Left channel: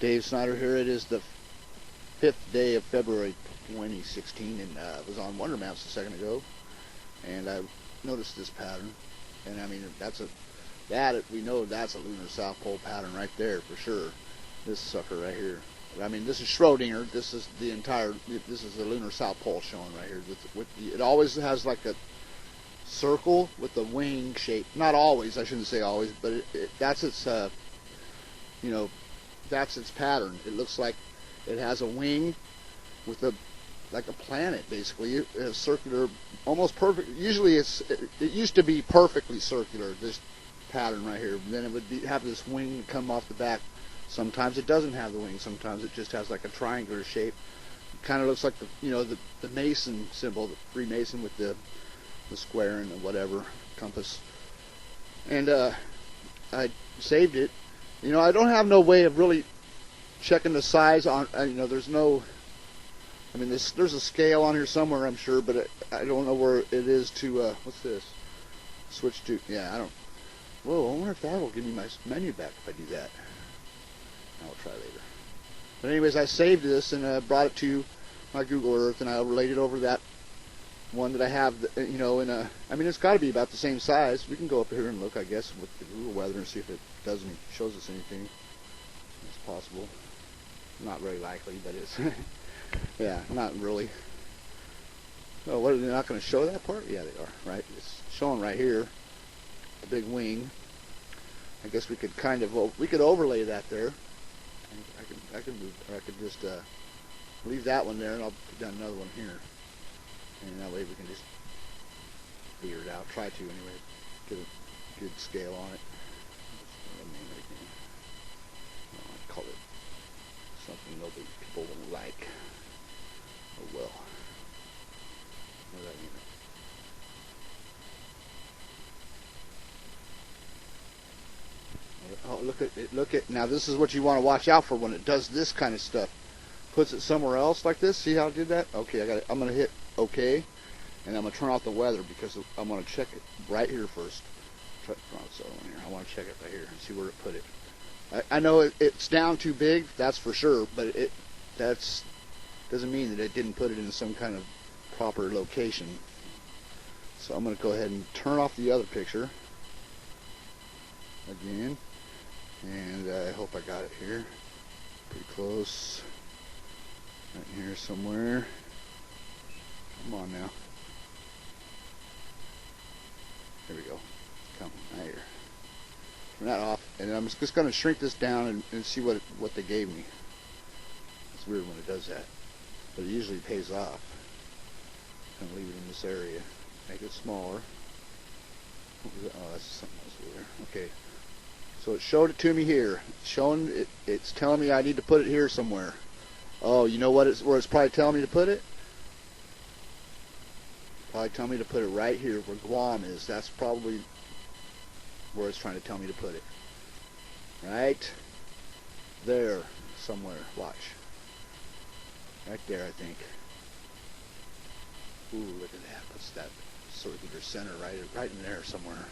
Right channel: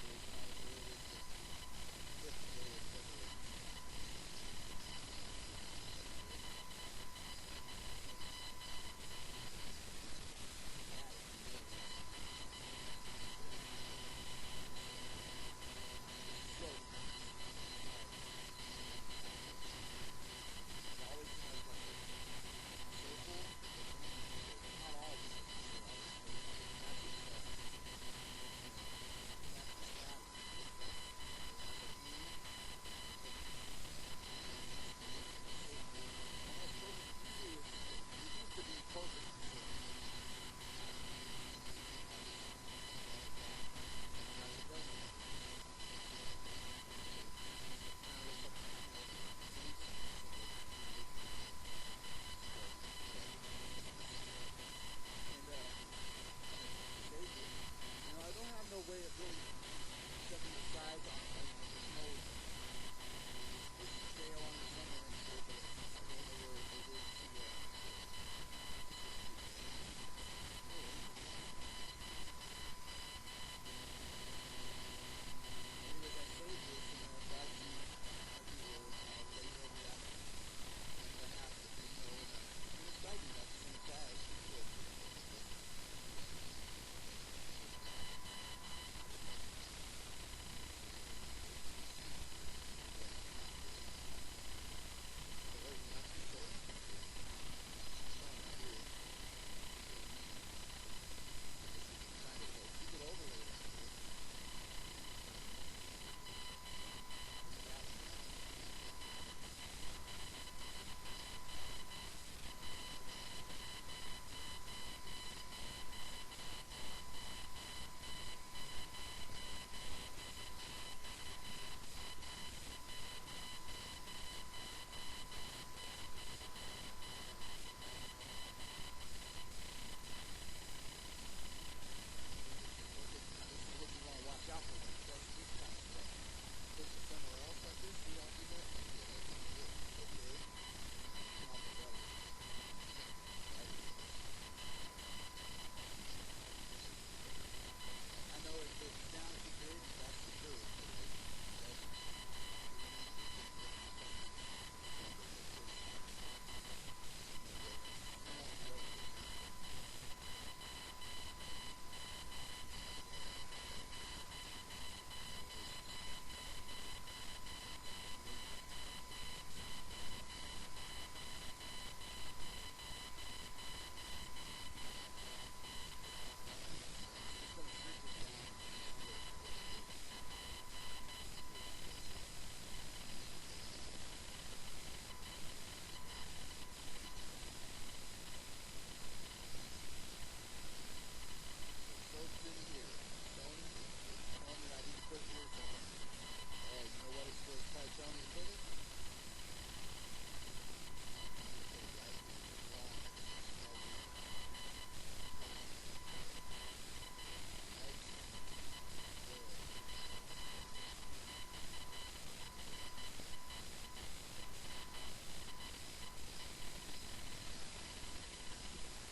Dave Snyder here. It is the 5th day of February 2016, and I was on Wonder Maps a second ago, and I noticed this pattern. And I mean, we know that's a lunar south pole pattern right there for sure. This sucker right here. I mean, this is Schrodinger. This is the lunar south pole showing right here. It always has like a circle with the wing shape. Not always, I shouldn't say always, but that's its that's its pattern. It looks like it has a wing with like a planet basically. It has circular, almost perfect. Usually it used to be perfectly circular, this pattern right here. And then it would have this wing come off the back. Sometimes it doesn't have the wing. Sometimes it just has like a triangular shape. It kind of looks like the Mason symbol, the Freemason with the square and the whatever compass. And I saved it. I don't have no way of really checking the size on. There's no. I mean, there's a scale on here somewhere, I'm sure, but I don't know where it is to. What's this? Switch to. Yeah, I don't. Whoa, I wonder if that will give me my menu back if I do that. I'll try later. But anyways, I saved this and brought it to my Google Earth, and I overlaid it over that one that I have. I mean, it's got to be about the same size. We can go up here and look, I guess, with the Google weather and see if it shows us anything. It's possible. Not very likely, but it's yeah, not really. Oh, what, they're not going to show that part? Yeah, they are. Right, it's showing right here, the big wing. I guess we could overlay that there. I could just leave that one there, and I'll put down another one here, and that way we can just figure it out. Try to anyway. Get a good scale on it. Color something nobody people wouldn't like. Oh well. Oh, look at now. This is what you want to watch out for when it does this kind of stuff. Puts it somewhere else like this. See how it did that? Okay, I'm gonna hit OK, and I'm gonna turn off the weather because I'm gonna check it right here first. I want to check it right here and see where it put it. I know it's down too big, that's for sure, but that doesn't mean that it didn't put it in some kind of proper location. So I'm going to go ahead and turn off the other picture again, and I hope I got it here. Pretty close. Right here somewhere. Come on now. There we go. Come right here. Turn that off, and I'm just going to shrink this down and see what they gave me. It's weird when it does that, but it usually pays off. I'm going to leave it in this area. Make it smaller. Oh, that's something else there. Okay. So it showed it to me here. It's telling me I need to put it here somewhere. Oh, you know where it's probably telling me to put it? Probably telling me to put it right here where Guam is. That's probably where it's trying to tell me to put it. Right there somewhere. Watch. Right there, I think. Ooh, look at that. What's that? Circular center right in there somewhere.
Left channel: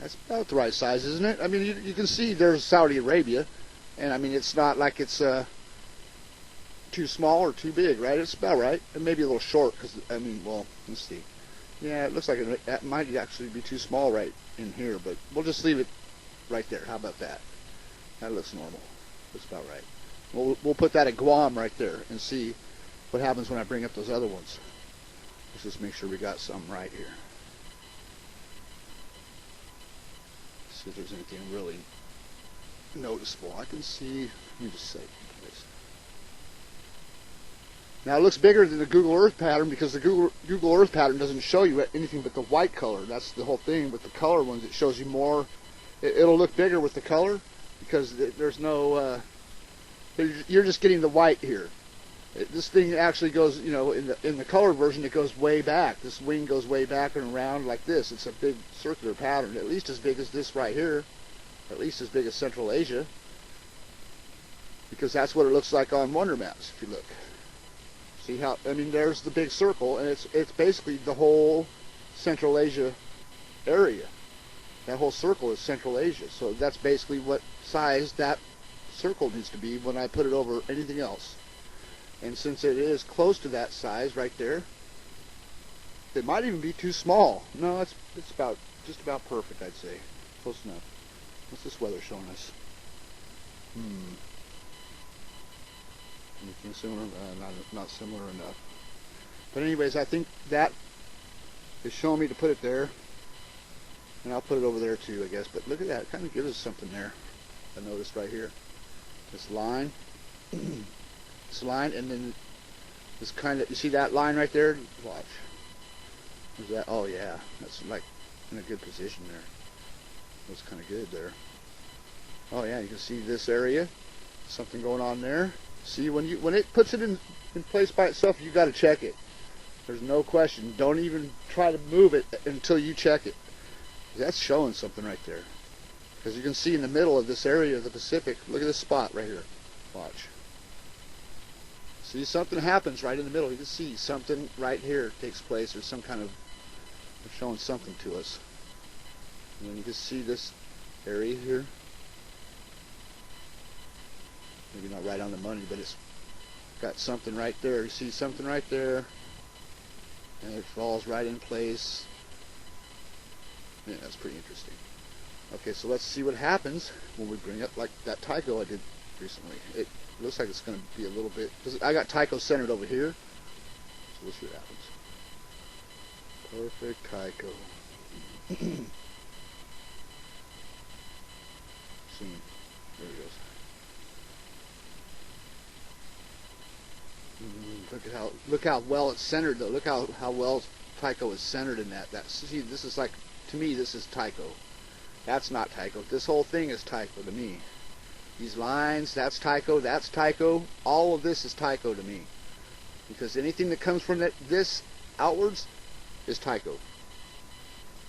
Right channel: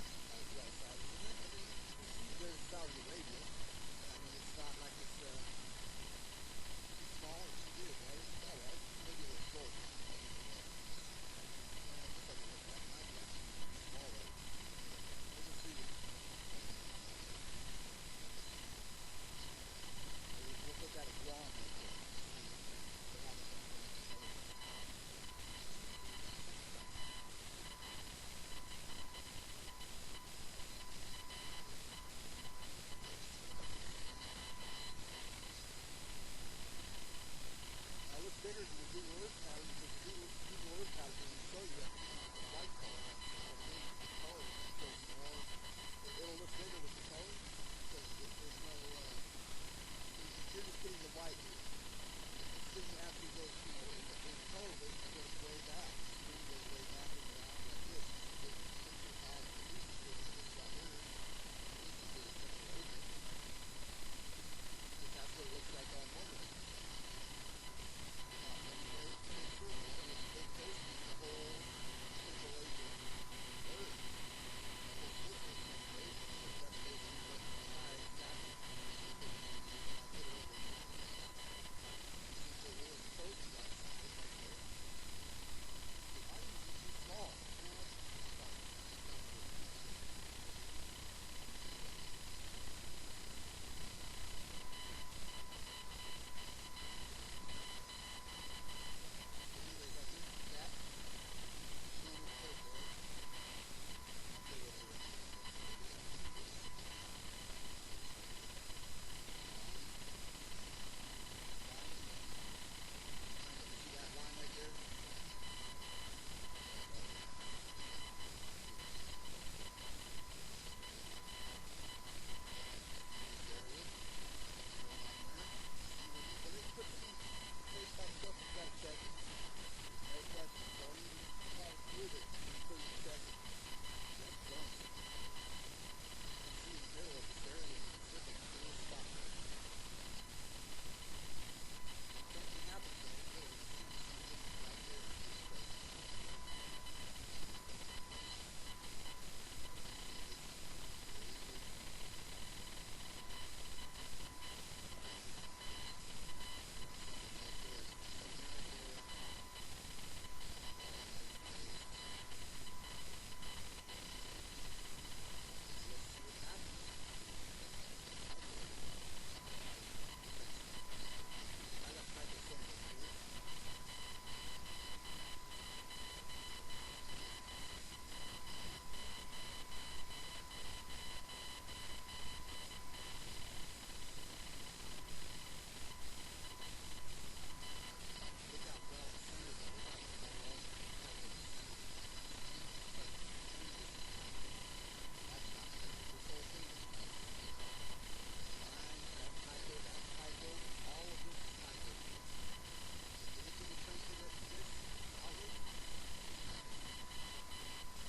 That's about the right size, isn't it? I mean, you can see there's Saudi Arabia, and I mean, it's not like it's too small or too big, right? It's about right. It may be a little short, because, I mean, well, let's see. Yeah, it looks like it might actually be too small right in here, but we'll just leave it right there. How about that? That looks normal. That's about right. We'll put that at Guam right there and see what happens when I bring up those other ones. Let's just make sure we got something right here. See if there's anything really noticeable. I can see, let me just say this. Now it looks bigger than the Google Earth pattern because the Google Earth pattern doesn't show you anything but the white color. That's the whole thing. With the color ones, it shows you more. It'll look bigger with the color because there's no. You're just getting the white here. This thing actually goes, in the color version, it goes way back. This wing goes way back and around like this. It's a big circular pattern, at least as big as this right here, at least as big as Central Asia, because that's what it looks like on Wonder Maps. If you look. See how, I mean, there's the big circle, and it's basically the whole Central Asia area. That whole circle is Central Asia, so that's basically what size that circle needs to be when I put it over anything else. And since it is close to that size right there, it might even be too small. No, it's about just about perfect, I'd say. Close enough. What's this weather showing us? Anything similar? Not similar enough. But anyways, I think that is showing me to put it there. And I'll put it over there too, I guess. But look at that. It kind of gives us something there. I noticed right here. This line. This line, and then this kind of, you see that line right there? Watch. Is that, oh yeah. That's like in a good position there. That's kind of good there. Oh yeah, you can see this area. Something going on there. See, when it puts it in place by itself, you got to check it. There's no question. Don't even try to move it until you check it. That's showing something right there. Because you can see in the middle of this area of the Pacific, look at this spot right here. Watch. See, something happens right in the middle. You can see something right here takes place. There's some kind of, they're showing something to us. And then you just see this area here. Maybe not right on the money, but it's got something right there. You see something right there, and it falls right in place. Yeah, that's pretty interesting. Okay, so let's see what happens when we bring up like that Tycho I did recently. It looks like it's going to be a little bit, because I got Tycho centered over here. So let's see what happens. Perfect Tycho. See, there it is. Look how well it's centered though. Look how well Tycho is centered in that. See, this is like, to me, this is Tycho. That's not Tycho. This whole thing is Tycho to me. These lines, that's Tycho, that's Tycho. All of this is Tycho to me. Because anything that comes from this outwards is Tycho.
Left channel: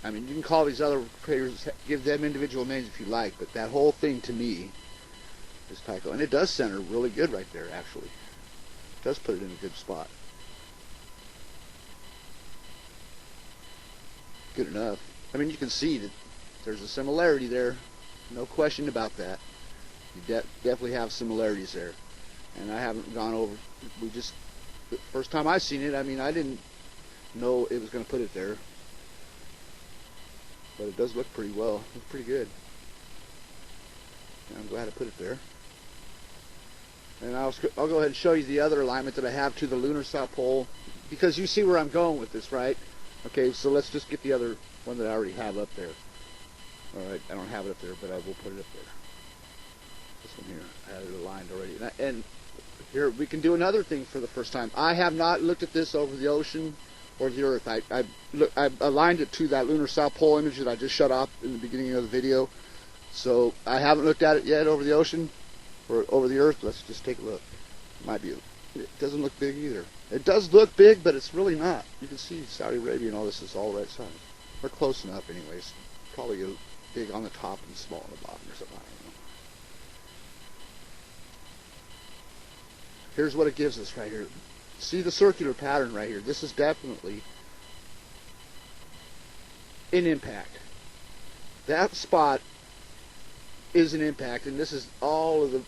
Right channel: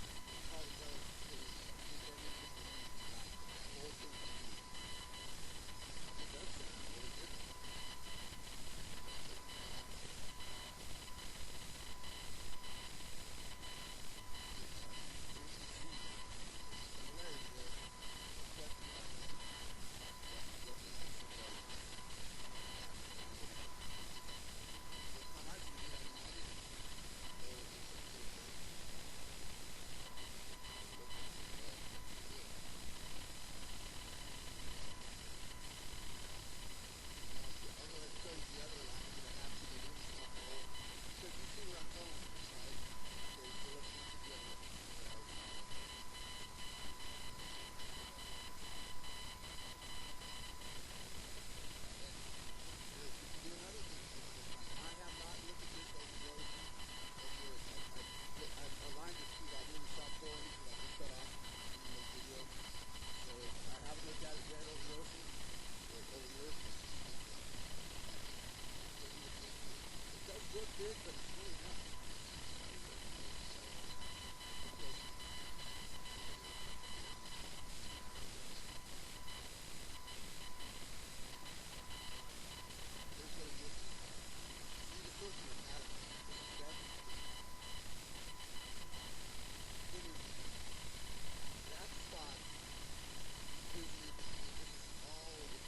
I mean, you can call these other craters, give them individual names if you like, but that whole thing to me is Tycho. And it does center really good right there, actually. It does put it in a good spot. Good enough. I mean, you can see that there's a similarity there. No question about that. You definitely have similarities there. And I haven't gone over, the first time I seen it, I mean, I didn't know it was going to put it there. But it does look pretty well. It's pretty good. And I'm glad I put it there. And I'll go ahead and show you the other alignment that I have to the lunar south pole, because you see where I'm going with this, right? Okay, so let's just get the other one that I already have up there. Alright, I don't have it up there, but I will put it up there. This one here, I had it aligned already. And here, we can do another thing for the first time. I have not looked at this over the ocean or the earth. I aligned it to that lunar south pole image that I just shut off in the beginning of the video. So I haven't looked at it yet over the ocean or over the earth. Let's just take a look. Might be, it doesn't look big either. It does look big, but it's really not. You can see Saudi Arabia and all this is all right side. We're close enough anyways. Probably big on the top and small on the bottom or something. Here's what it gives us right here. See the circular pattern right here. This is definitely an impact. That spot is an impact, and this is all of the,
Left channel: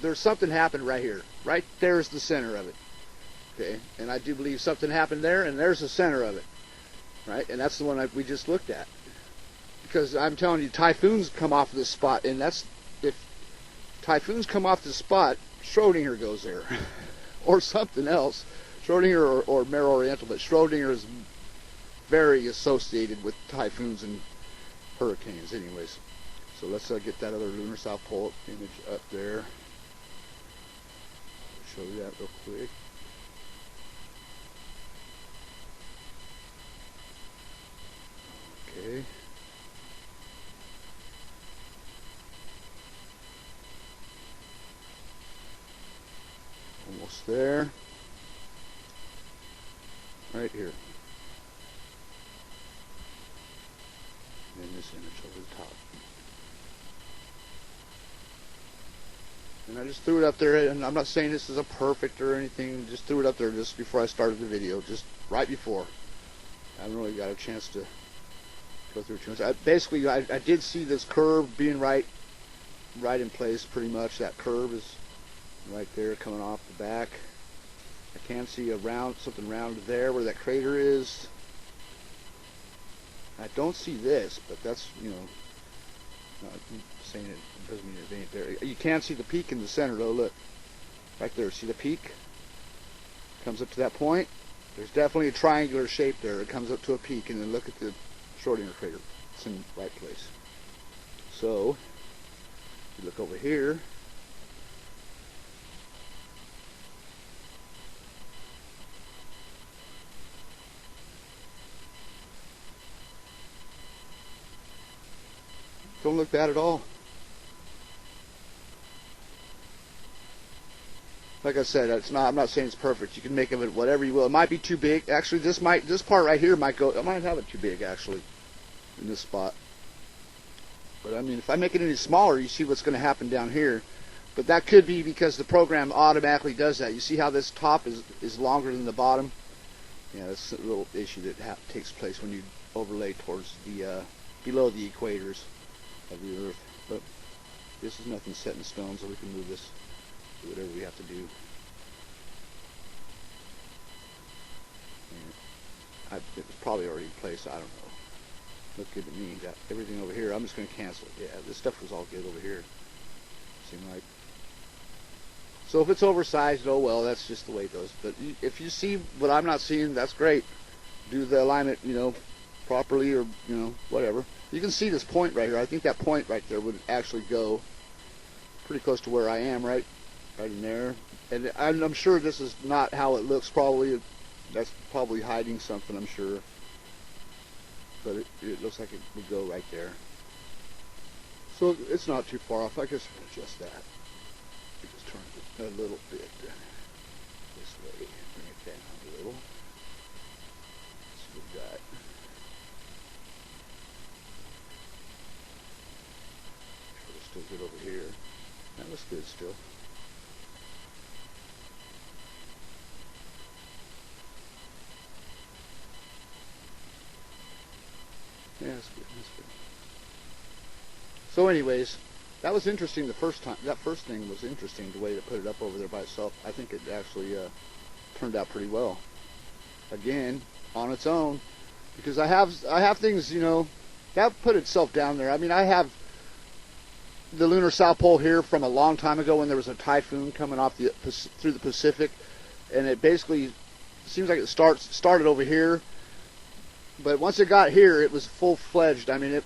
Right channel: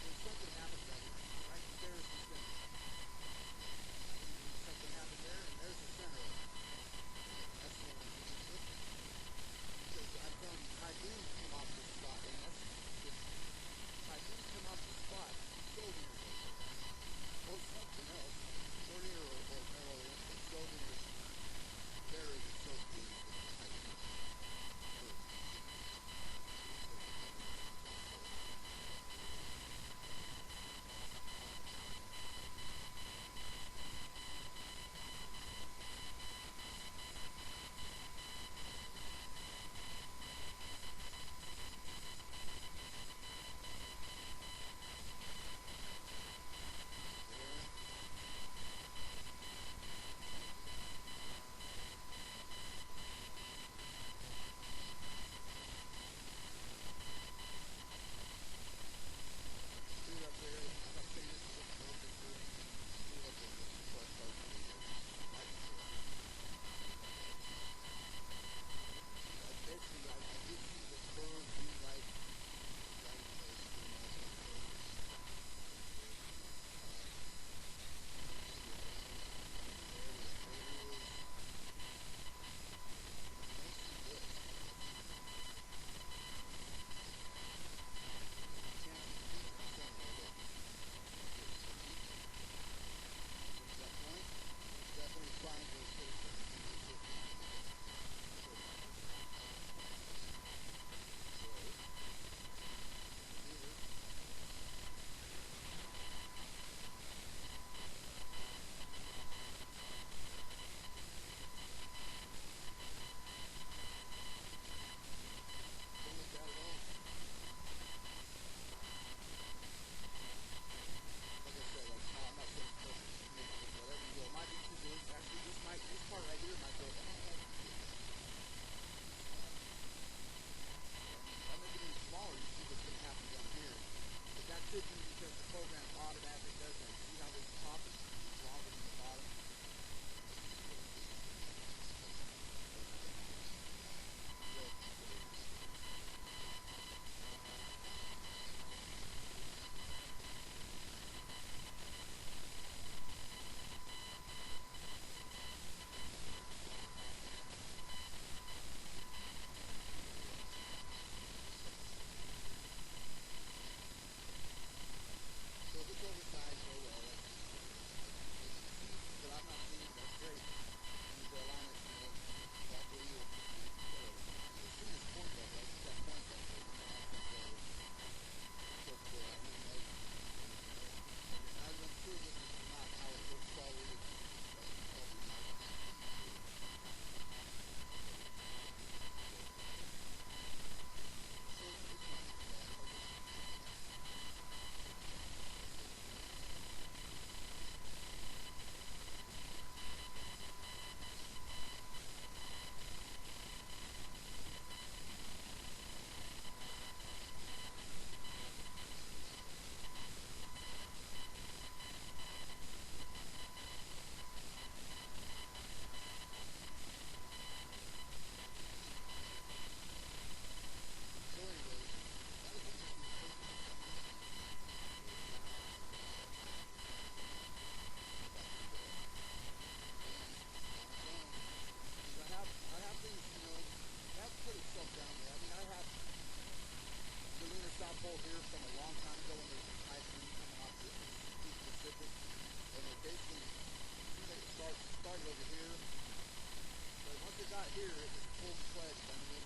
there's something happened right here. Right there is the center of it. Okay, and I do believe something happened there, and there's the center of it. Right, and that's the one we just looked at. Because I'm telling you, typhoons come off of this spot, and if typhoons come off this spot, Schrodinger goes there. Or something else. Schrodinger or Mare Oriental, but Schrodinger is very associated with typhoons and hurricanes anyways. So let's get that other lunar south pole image up there. Show you that real quick. Okay. Almost there. Right here. And this image over the top. And I just threw it up there, and I'm not saying this is a perfect or anything, just threw it up there just before I started the video, just right before. I haven't really got a chance to go through it too much. Basically, I did see this curve being right right in place pretty much. That curve is right there coming off the back. I can see something round there where that crater is. I don't see this, but that's, not saying it doesn't mean it ain't there. You can see the peak in the center though, look. Right there, see the peak? Comes up to that point. There's definitely a triangular shape there. It comes up to a peak, and then look at the Schrodinger crater. It's in the right place. So, if you look over here, don't look bad at all. Like I said, I'm not saying it's perfect. You can make of it whatever you will. It might be too big. Actually, this part right here might go. I might have it too big actually in this spot. But I mean, if I make it any smaller, you see what's going to happen down here. But that could be because the program automatically does that. You see how this top is longer than the bottom? Yeah, that's a little issue that takes place when you overlay towards the below the equators of the Earth. But this is nothing set in stone, so we can move this. Do whatever we have to do. It's probably already in place. I don't know. Look good to me. Got everything over here. I'm just going to cancel it. Yeah, this stuff was all good over here. Seemed like. So if it's oversized, oh well, that's just the way it goes. But if you see what I'm not seeing, that's great. Do the alignment, properly, or whatever. You can see this point right here. I think that point right there would actually go pretty close to where I am, right in there. And I'm sure this is not how it looks. Probably that's probably hiding something, I'm sure. But it looks like it would go right there. So it's not too far off. I guess adjust that. Just turn it a little bit this way. Okay, a little. Let's do that. Still good over here. That looks good still. Yeah, that's good. That's good. So anyways, that was interesting the first time. That first thing was interesting, the way to put it up over there by itself. I think it actually turned out pretty well. Again, on its own, because I have things, that put itself down there. I mean, I have the lunar South Pole here from a long time ago when there was a typhoon coming off through the Pacific, and it basically seems like it started over here. But once it got here, it was full-fledged. I mean,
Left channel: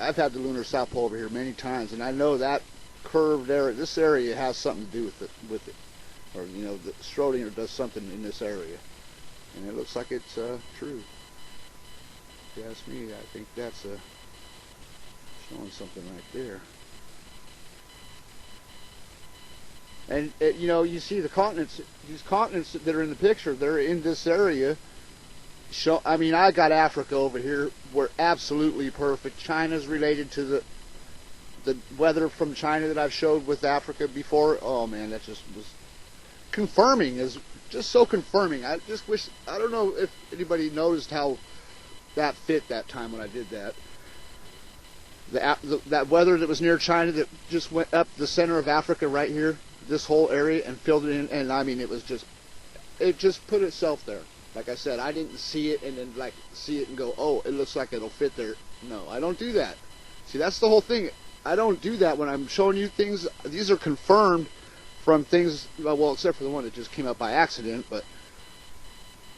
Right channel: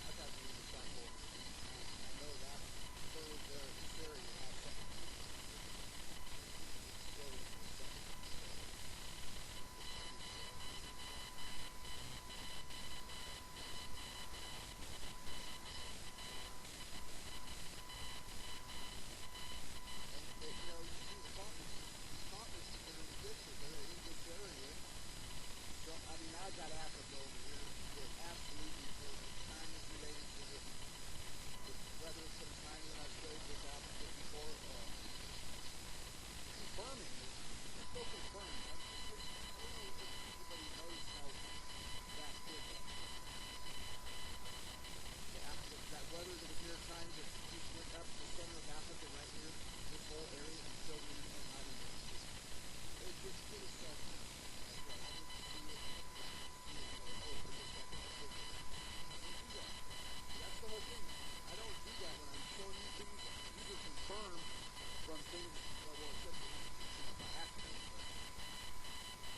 I've had the lunar South Pole over here many times, and I know that curve there, this area has something to do with it. Or, the Schrodinger does something in this area. And it looks like it's true. If you ask me, I think that's showing something right there. And, you see the continents, these continents that are in the picture, they're in this area. I mean, I got Africa over here. We're absolutely perfect. China's related to the weather from China that I've showed with Africa before. Oh man, that just was confirming. Is just so confirming. I just wish, I don't know if anybody noticed how that fit that time when I did that. That weather that was near China that just went up the center of Africa right here, this whole area, and filled it in. And I mean, it just put itself there. Like I said, I didn't see it and then see it and go, oh, it looks like it'll fit there. No, I don't do that. See, that's the whole thing. I don't do that when I'm showing you things. These are confirmed from things, well, except for the one that just came up by accident, but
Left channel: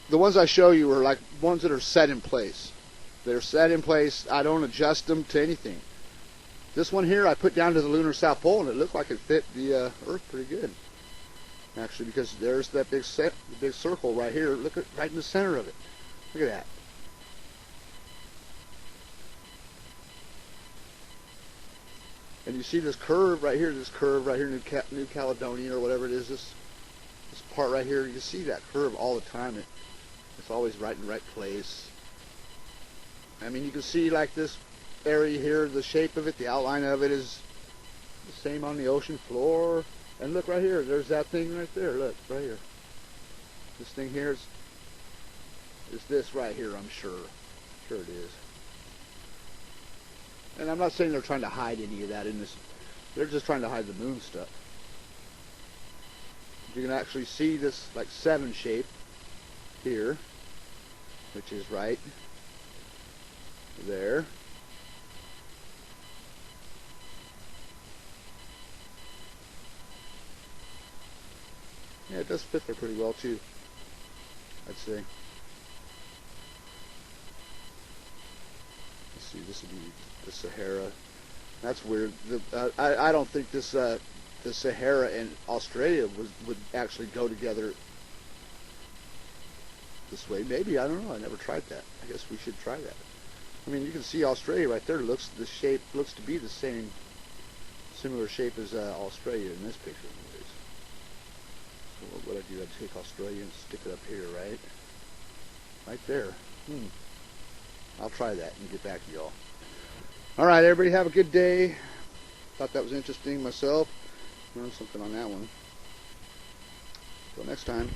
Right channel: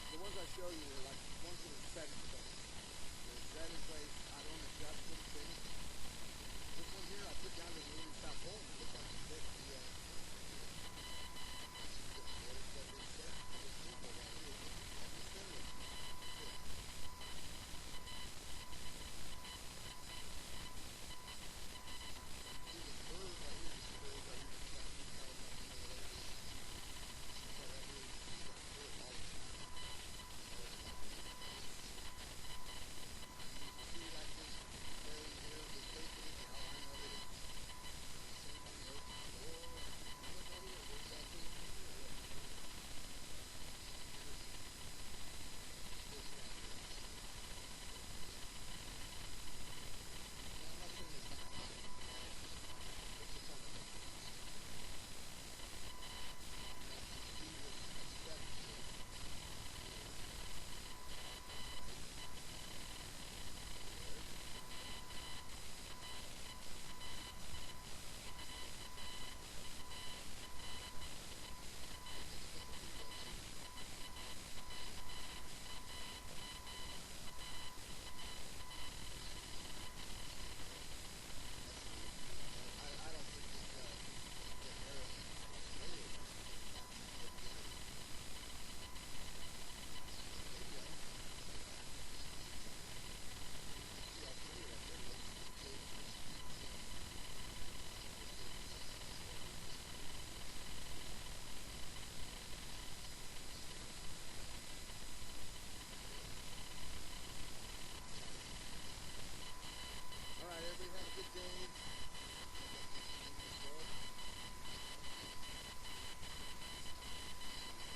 the ones I show you are like ones that are set in place. They're set in place. I don't adjust them to anything. This one here I put down to the lunar South Pole, and it looked like it fit the Earth pretty good. Actually, because there's that big circle right here. Look at right in the center of it. Look at that. And you see this curve right here, New Caledonia or whatever it is, this part right here, you see that curve all the time. It's always right in the right place. I mean, you can see like this area here, the shape of it, the outline of it is the same on the ocean floor. And look right here, there's that thing right there, look, right here. This thing here is this right here, I'm sure. Sure it is. And I'm not saying they're trying to hide any of that in They're just trying to hide the moon stuff. You can actually see this like 7 shape here, which is right there. Yeah, it does fit there pretty well too, I'd say. Let's see, this would be the Sahara. That's weird. I don't think this the Sahara and Australia would actually go together this way. Maybe, I don't know. I never tried that. I guess we should try that. I mean, you can see Australia right there. The shape looks to be the similar shape as Australia in this picture. So what I do, I take Australia and stick it up here, right there. I'll try that and get back to y'all. All right, everybody, have a good day. Thought that was interesting myself. Learned something on that one. Until next time.